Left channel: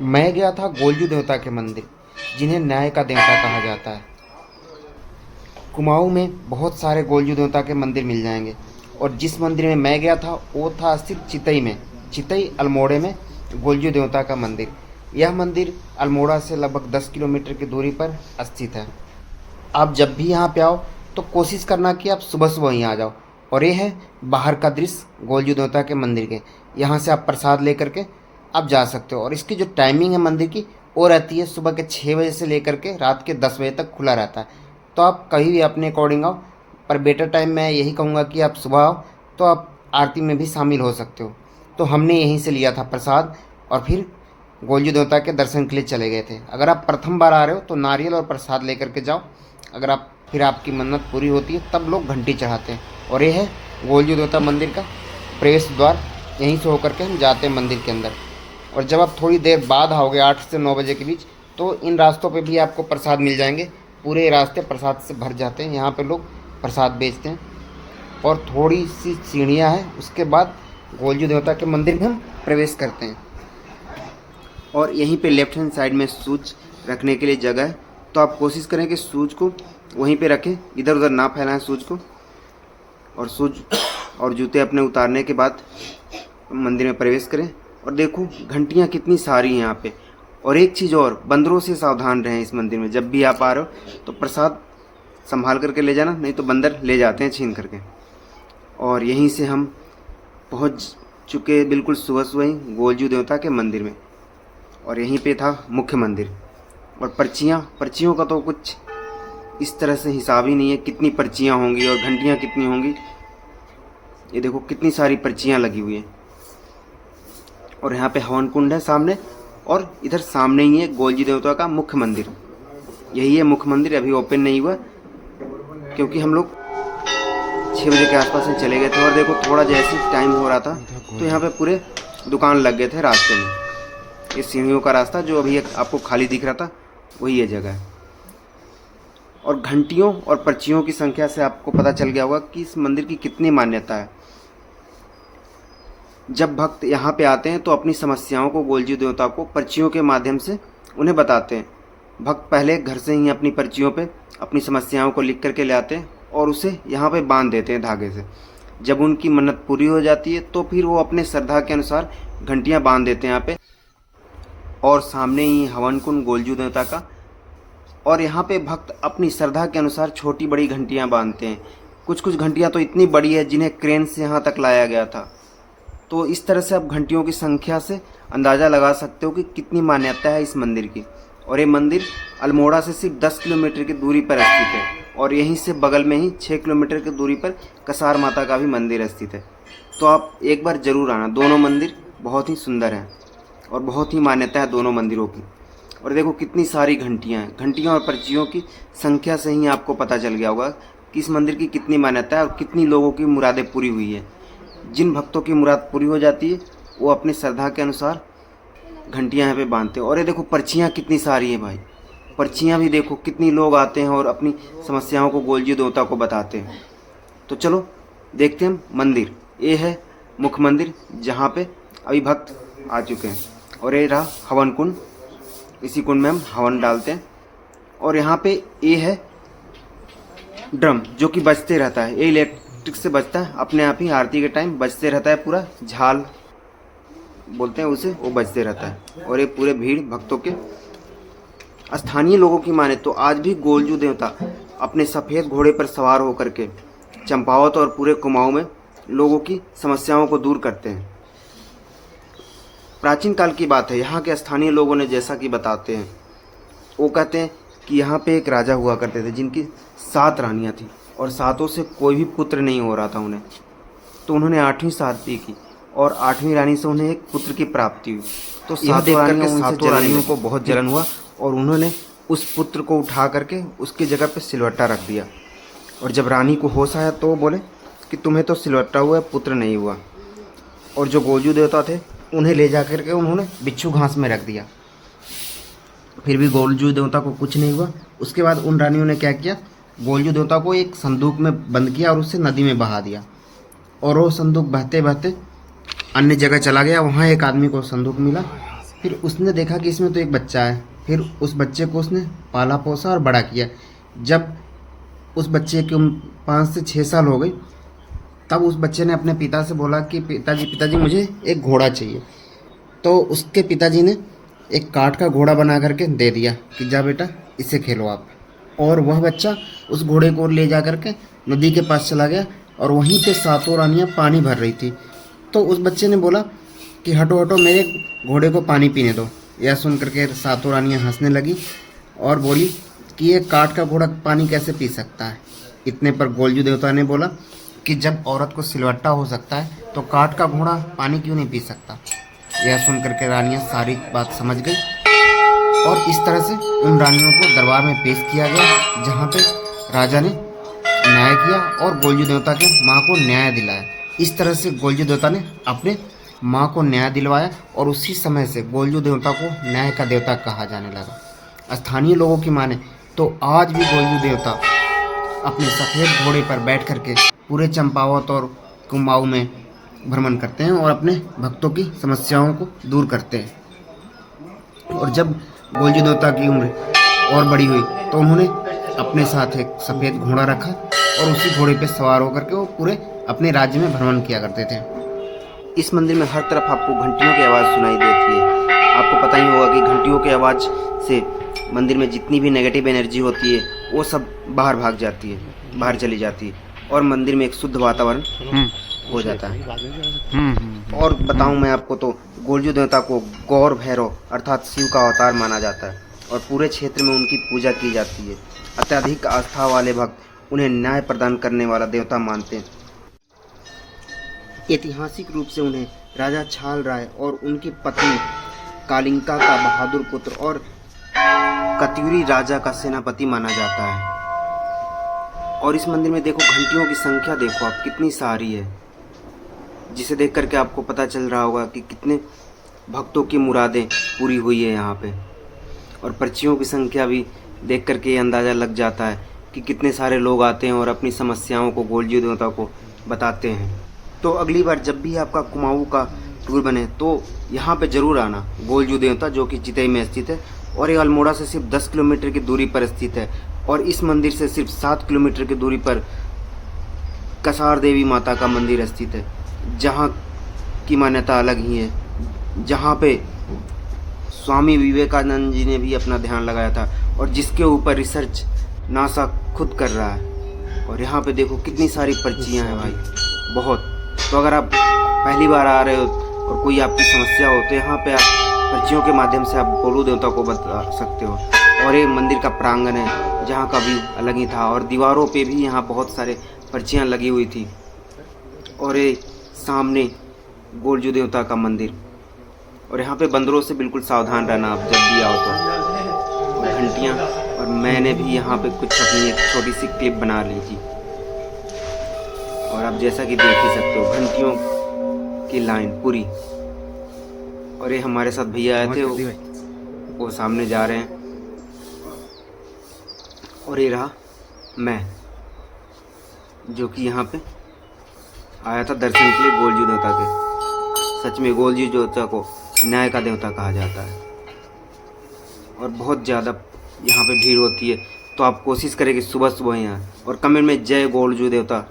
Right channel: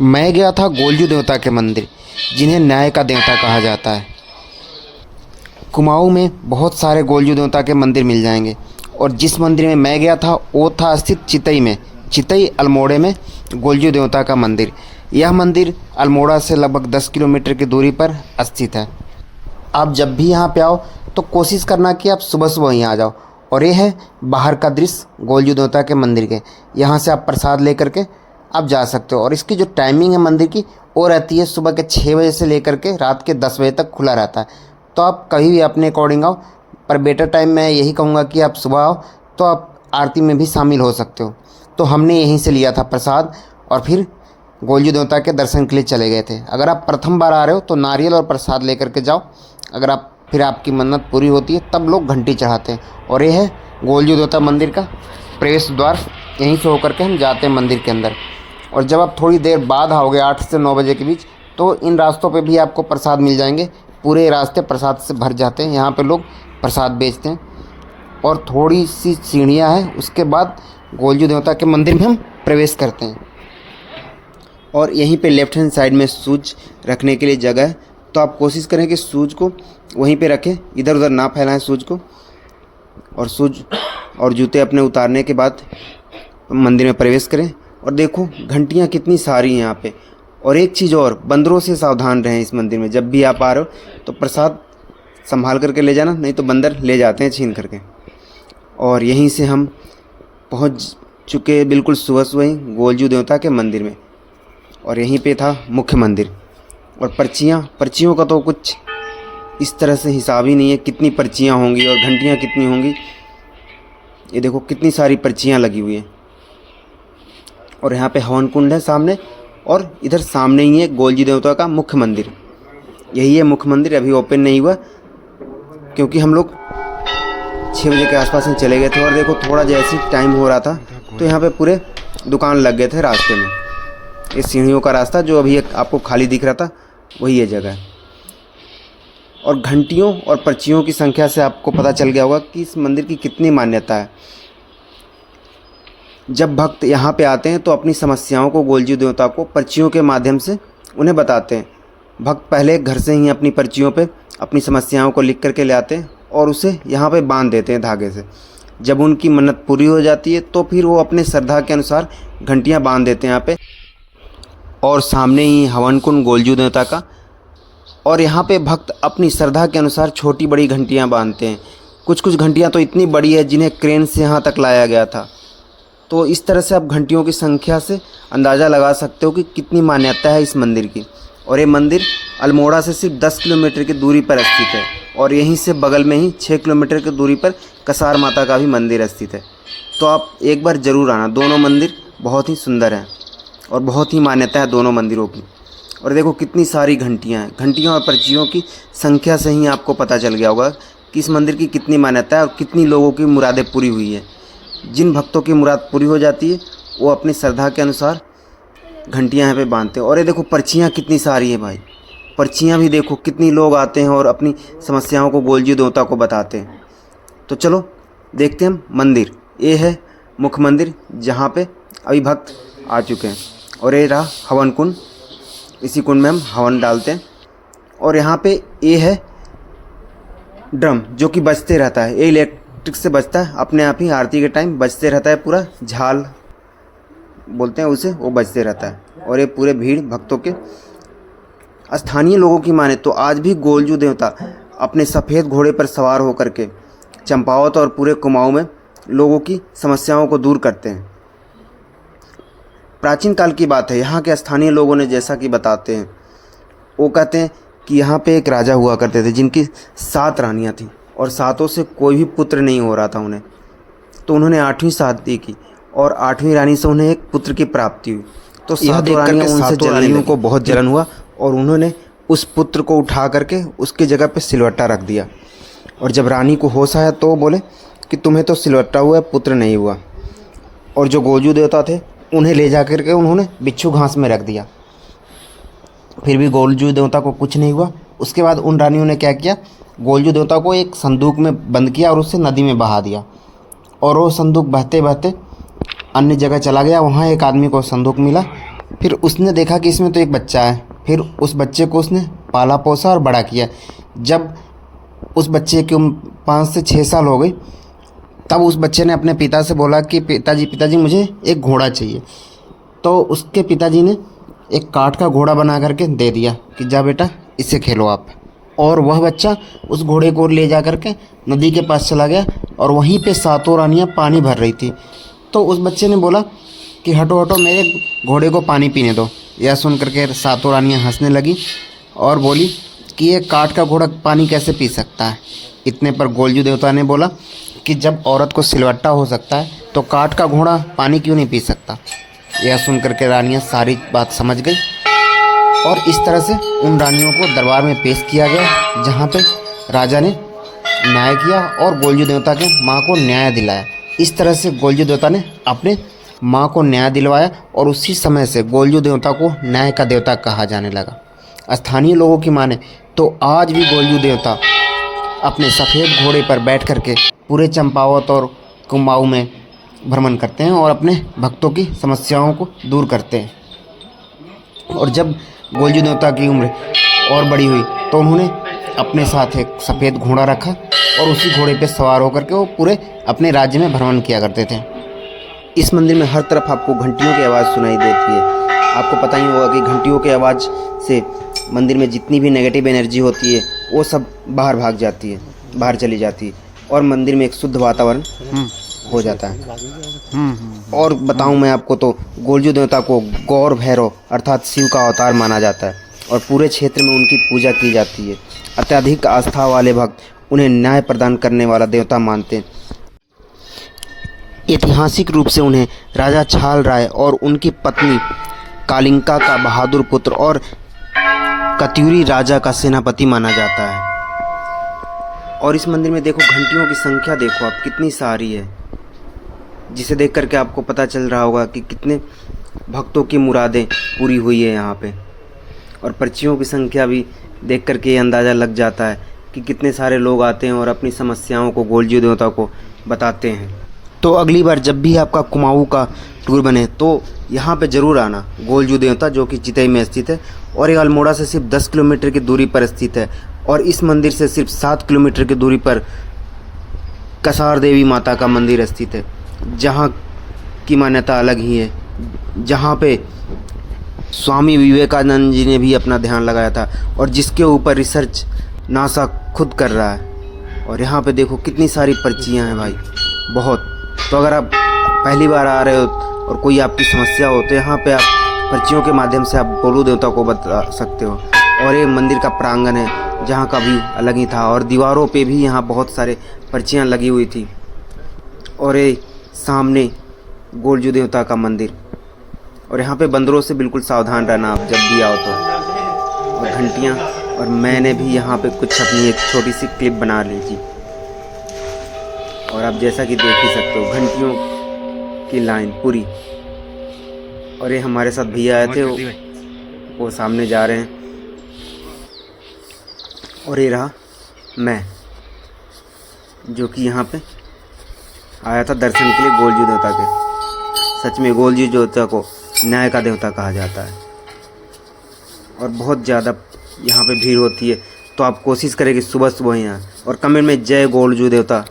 मैं गया था गोलजू देवता के मंदिर, जिन्हें न्याय का देवता कहा जाता है। कुमाऊं में बहुत सारे गोलजू देवता के मंदिर मिल जाएंगे, और जिस मंदिर में मैं गया था वो था स्थित चितई में, चितई अल्मोड़े में गोलजू देवता का मंदिर। यह मंदिर अल्मोड़ा से लगभग 10 किलोमीटर की दूरी पर स्थित है। आप जब भी यहाँ पे आओ तो कोशिश करना कि आप सुबह सुबह यहाँ आ जाओ। और ये है बाहर का दृश्य गोलजू देवता के मंदिर के। यहाँ से आप प्रसाद लेकर के आप जा सकते हो, और इसकी जो टाइमिंग है मंदिर की वो रहती है सुबह के 6 बजे से लेकर के रात के 10 बजे तक खुला रहता है। तो आप कभी भी अपने अकॉर्डिंग आओ, पर बेटर टाइम मैं यही कहूँगा कि आप सुबह आओ तो आप आरती में भी शामिल हो सकते हो। तो हमने यहीं से लिया था प्रसाद और फिर गोलजू देवता के दर्शन के लिए चले गए थे। अगर आप प्रथम बार आ रहे हो तो नारियल और प्रसाद लेकर के जाओ। अगर आप फिर आपकी मन्नत पूरी होती है तब लोग घंटी चढ़ाते हैं। और ये है गोलजू देवता मंदिर का प्रवेश द्वार। यहीं से होकर के हम जाते हैं मंदिर के अंदर। और जब आप थोड़ी देर बाद आओगे 8 से 9 बजे के बीच, तो इन रास्तों पे भी आपको प्रसाद मिल जाएंगे। पूरे रास्ते प्रसाद से भर जाते हैं। यहाँ पे लोग प्रसाद बेचते हैं, और थोड़ी सी सीढ़ियाँ हैं, उसके बाद गोलजू देवता के मंदिर में हम प्रवेश करते हैं। और यहीं पे लेफ्ट हैंड साइड में शूज रखने के लिए जगह है। तो आप कोशिश करें कि शूज को वहीं पे रखें, इधर उधर ना फैलाएं शूज को। और शूज और जूते अपने उतारने के बाद मंदिर में प्रवेश करें। और देखो घंटियाँ कितनी सारी हैं यहाँ पे। और एक चीज़ और, बंदरों से सावधान रहें इस मंदिर में। जब भी आप आ रहे हो तो प्रसाद संभाल करके ले जाना, नहीं तो बंदर ले जाते हैं छीन करके। और यहीं से हम पहुँच चुके बिल्कुल सुबह सुबह ही गोलजू देवता के मंदिर में। और यहीं पे था मुख्य मंदिर। और पर्चियों का तो कुछ इस तरह से हिसाब ही नहीं है, कितनी पर्चियाँ होंगी और घंटियाँ कितनी होंगी। ये देखो कितनी सारी पर्चियाँ लगी हुई हैं। और यहाँ पे हवन कुंड है सामने, और इधर सामने ही है गोलजू देवता का मुख्य मंदिर। यही है मुख्य मंदिर। अभी ओपन नहीं हुआ क्योंकि हम लोग 6 बजे के आसपास में चले गए थे। और देखो थोड़ा जैसे टाइम हो रहा था तो यहाँ पे पूरे दुकान लग गए थे रास्ते में। ये सीढ़ियों का रास्ता जो अभी आपको खाली दिख रहा था, वही ये जगह है। और घंटियों और पर्चियों की संख्या से आपको पता चल गया होगा कि इस मंदिर की कितनी मान्यता है। जब भक्त यहाँ पे आते हैं तो अपनी समस्याओं को गोलजू देवता को पर्चियों के माध्यम से उन्हें बताते हैं। भक्त पहले घर से ही अपनी पर्चियों पे अपनी समस्याओं को लिख करके ले आते हैं और उसे यहाँ पे बांध देते हैं धागे से। जब उनकी मन्नत पूरी हो जाती है तो फिर वो अपने श्रद्धा के अनुसार घंटियाँ बांध देते हैं यहाँ पे। और सामने ही हवन कुंड गोलजू देवता का। और यहाँ पे भक्त अपनी श्रद्धा के अनुसार छोटी बड़ी घंटियाँ बांधते हैं। कुछ कुछ घंटियाँ तो इतनी बड़ी है जिन्हें क्रेन से यहाँ तक लाया गया था। तो इस तरह से आप घंटियों की संख्या से अंदाज़ा लगा सकते हो कि कितनी मान्यता है इस मंदिर की। और ये मंदिर अल्मोड़ा से सिर्फ 10 किलोमीटर की दूरी पर स्थित है। और यहीं से बगल में ही 6 किलोमीटर की दूरी पर कसार माता का भी मंदिर स्थित है। तो आप एक बार ज़रूर आना। दोनों मंदिर बहुत ही सुंदर हैं और बहुत ही मान्यता है दोनों मंदिरों की। और देखो कितनी सारी घंटियाँ हैं। घंटियों और पर्चियों की संख्या से ही आपको पता चल गया होगा कि इस मंदिर की कितनी मान्यता है और कितनी लोगों की मुरादें पूरी हुई है। जिन भक्तों की मुराद पूरी हो जाती है वो अपनी श्रद्धा के अनुसार घंटियाँ यहाँ पे बांधते हैं। और ये देखो पर्चियाँ कितनी सारी हैं भाई। पर्चियाँ भी देखो, कितनी लोग आते हैं और अपनी समस्याओं को गोलजू देवता को बताते हैं। तो चलो देखते हैं हम मंदिर। ये है मुख्य मंदिर जहाँ पे अभी भक्त आ चुके हैं। और ये रहा हवन कुंड। इसी कुंड में हम हवन डालते हैं। और यहाँ पे ये है ड्रम जो कि बजते रहता है। ये इलेक्ट्रिक से बजता है, अपने आप ही आरती के टाइम बजते रहता है। पूरा झाल बोलते हैं उसे, वो बजते रहता है। और ये पूरे भीड़ भक्तों के स्थानीय लोगों की माने तो आज भी गोलजू देवता अपने सफ़ेद घोड़े पर सवार होकर के चंपावत और पूरे कुमाऊं में लोगों की समस्याओं को दूर करते हैं। प्राचीन काल की बात है। यहाँ के स्थानीय लोगों ने जैसा कि बताते हैं, वो कहते हैं कि यहाँ पे एक राजा हुआ करते थे जिनकी 7 रानियाँ थीं, और 7 से कोई भी पुत्र नहीं हो रहा था उन्हें। तो उन्होंने 8वीं शादी की और 8वीं रानी से उन्हें एक पुत्र की प्राप्ति हुई। तो यह देख करके 7 रानियों को बहुत जलन हुआ और उन्होंने उस पुत्र को उठा करके उसकी जगह पे सिलवट्टा रख दिया। और जब रानी को होश आया तो वो बोले कि तुम्हें तो सिलवट्टा हुआ, पुत्र नहीं हुआ। और जो गोलजू देवता थे उन्हें ले जा करके उन्होंने बिच्छू घास में रख दिया। फिर भी गोलजू देवता को कुछ नहीं हुआ। उसके बाद उन रानियों ने क्या किया, गोलजू देवता को एक संदूक में बंद किया और उससे नदी में बहा दिया। और वो संदूक बहते बहते अन्य जगह चला गया। वहाँ एक आदमी को संदूक मिला फिर उसने देखा कि इसमें तो एक बच्चा है। फिर उस बच्चे को उसने पाला पोसा और बड़ा किया। जब उस बच्चे की उम्र 5 से 6 साल हो गई, तब उस बच्चे ने अपने पिता से बोला कि पिताजी मुझे एक घोड़ा चाहिए। तो उसके पिताजी ने एक काठ का घोड़ा बना करके दे दिया कि जा बेटा इससे खेलो आप। और वह बच्चा उस घोड़े को ले जा करके नदी के पास चला गया और वहीं पे सातों रानियाँ पानी भर रही थी। तो उस बच्चे ने बोला कि हटो हटो, मेरे घोड़े को पानी पीने दो। यह सुन करके सातों रानियाँ हंसने लगी और बोली कि ये काठ का घोड़ा पानी कैसे पी सकता है। इतने पर गोलजू देवता ने बोला कि जब औरत को सिलवट्टा हो सकता है तो काठ का घोड़ा पानी क्यों नहीं पी सकता। यह सुन करके रानियाँ सारी बात समझ गई और इस तरह से उन रानियों को दरबार में पेश किया गया, जहाँ पे राजा ने न्याय किया और गोलजू देवता के माँ को न्याय दिलाया। इस तरह से गोलजू देवता ने अपने माँ को न्याय दिलवाया और उसी समय से गोलजू देवता को न्याय का देवता कहा जाने लगा। स्थानीय लोगों की माने तो आज भी गोलजू देवता अपने सफ़ेद घोड़े पर बैठ करके पूरे चंपावत और कुमाऊं में भ्रमण करते हैं और अपने भक्तों की समस्याओं को दूर करते हैं। और जब गोलजू देवता की उम्र और बड़ी हुई तो उन्होंने अपने साथ एक सफ़ेद घोड़ा रखा और उसी घोड़े पर सवार होकर के वो पूरे अपने राज्य में भ्रमण किया करते थे। इस मंदिर में हर तरफ आपको घंटियों की आवाज़ सुनाई देती है। आपको पता ही होगा कि घंटियों की आवाज़ से मंदिर में जितनी भी नेगेटिव एनर्जी होती है वो सब बाहर भाग जाती है, बाहर चली जाती है और मंदिर में एक शुद्ध वातावरण हो जाता है। और बताऊं मैं आपको तो गोलजू देवता को गौर भैरव अर्थात शिव का अवतार माना जाता है और पूरे क्षेत्र में उनकी पूजा की जाती है। अत्यधिक आस्था वाले भक्त उन्हें न्याय प्रदान करने वाला देवता मानते हैं। ऐतिहासिक रूप से उन्हें राजा छाल राय और उनकी पत्नी कालिंका का बहादुर पुत्र और कत्यूरी राजा का सेनापति माना जाता है। और इस मंदिर में देखो घंटियों की संख्या देखो आप कितनी सारी है, जिसे देख करके आपको पता चल रहा होगा कि कितने भक्तों की मुरादें पूरी हुई है यहाँ पे। और पर्चियों की संख्या भी देख करके ये अंदाज़ा लग जाता है कि कितने सारे लोग आते हैं और अपनी समस्याओं को गोलजू देवता को बताते हैं। तो अगली बार जब भी आपका कुमाऊं का टूर बने तो यहाँ पे ज़रूर आना। गोलजू देवता जो कि चितई में स्थित है और ये अल्मोड़ा से सिर्फ 10 किलोमीटर की दूरी पर स्थित है। और इस मंदिर से सिर्फ 7 किलोमीटर की दूरी पर कसार देवी माता का मंदिर स्थित है, जहाँ की मान्यता अलग ही है, जहाँ पे स्वामी विवेकानंद जी ने भी अपना ध्यान लगाया था और जिसके ऊपर रिसर्च नासा खुद कर रहा है। और यहाँ पे देखो कितनी सारी पर्चियाँ हैं भाई, बहुत। तो अगर आप पहली बार आ रहे हो और कोई आपकी समस्या हो तो यहाँ पे आप पर्चियों के माध्यम से आप गोलू देवता को बता सकते हो। और ये मंदिर का प्रांगण है जहाँ का भी अलग ही था और दीवारों पे भी यहाँ बहुत सारे पर्चियाँ लगी हुई थी। और ये सामने गोलजू देवता का मंदिर। और यहाँ पे बंदरों से बिल्कुल सावधान रहना आप जब भी आओ तो। और घंटियाँ, और मैंने भी यहाँ पे कुछ अपनी एक छोटी सी क्लिप बना ली थी और आप जैसा कि देख ही सकते हो घंटियों की लाइन पूरी। और ये हमारे साथ भैया आए थे, वो सामने जा रहे हैं। और ये रहा मैं, जो कि यहाँ पे आया था दर्शन के लिए गोलजू देवता के। सच में गोलजू देवता को न्याय का देवता कहा जाता है और बहुत ज़्यादा यहाँ पे भीड़ होती है। तो आप कोशिश करें कि सुबह सुबह ही आएं और कमेंट में जय गोलजू देवता